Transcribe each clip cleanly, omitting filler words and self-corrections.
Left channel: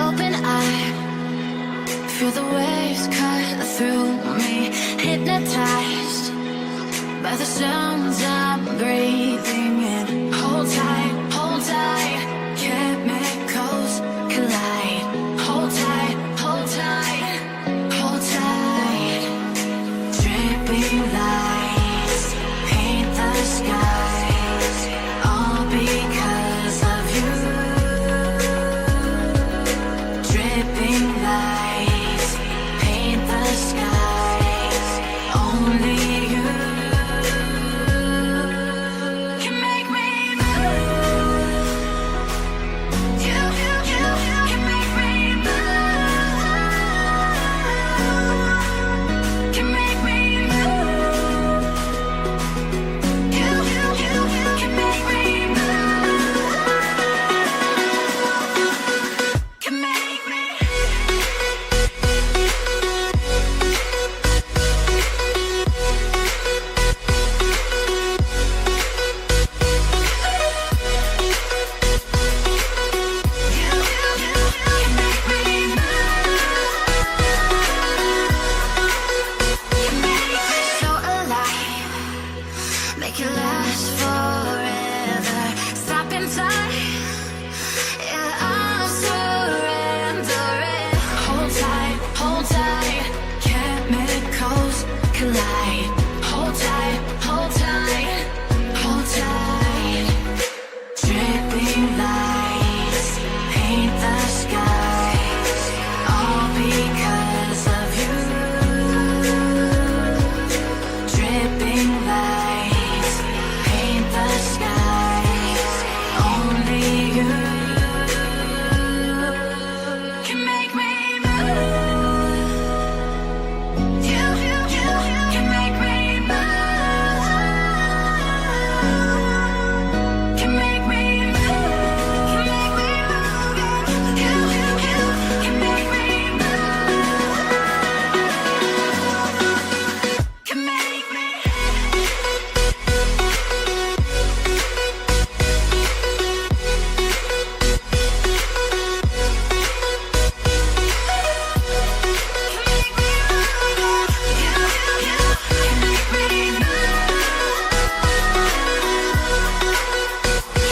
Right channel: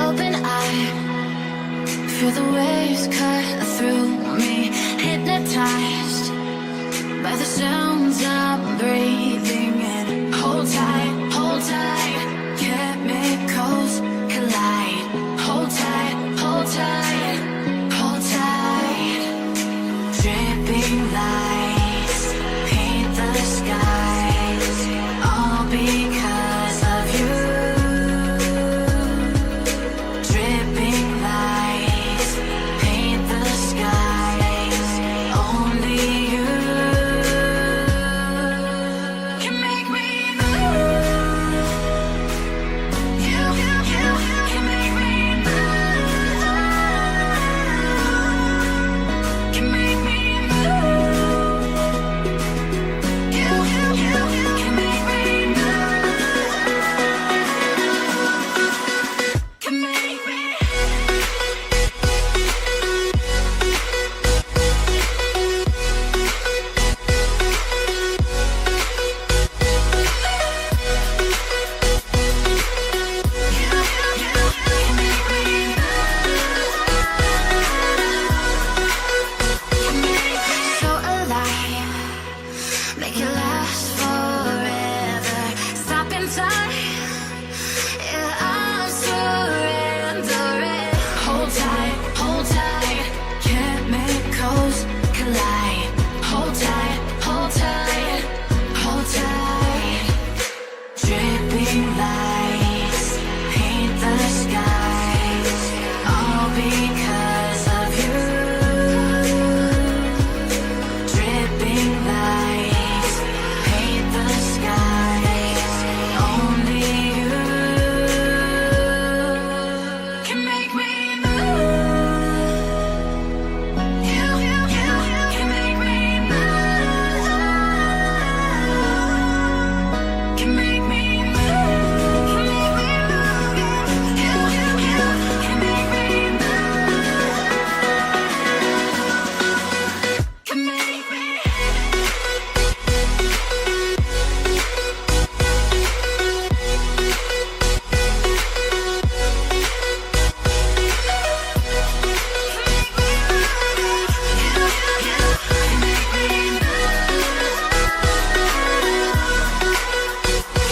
open eye, feel the waves cut through me, hypnotized by the sounds I'm breathing in. Hold tight, chemicals collide. Hold tight, hold tight, hold tight. Dripping lights paint the skies, all because of you. Dripping lights paint the skies, only you can make me move. You can make me move. Can make me move. You can make me move. Can make me. So alive, make it last forever. Stop in time, yeah, I'm surrendering. Hold tight, chemicals collide. Hold tight, hold tight. Dripping lights paint the skies, all because of you. Dripping lights paint the skies, only you can make me move. You can make me move. Can make me move. Can make me move. You can make me move. Can make me. Can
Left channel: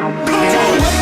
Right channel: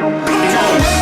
Come on.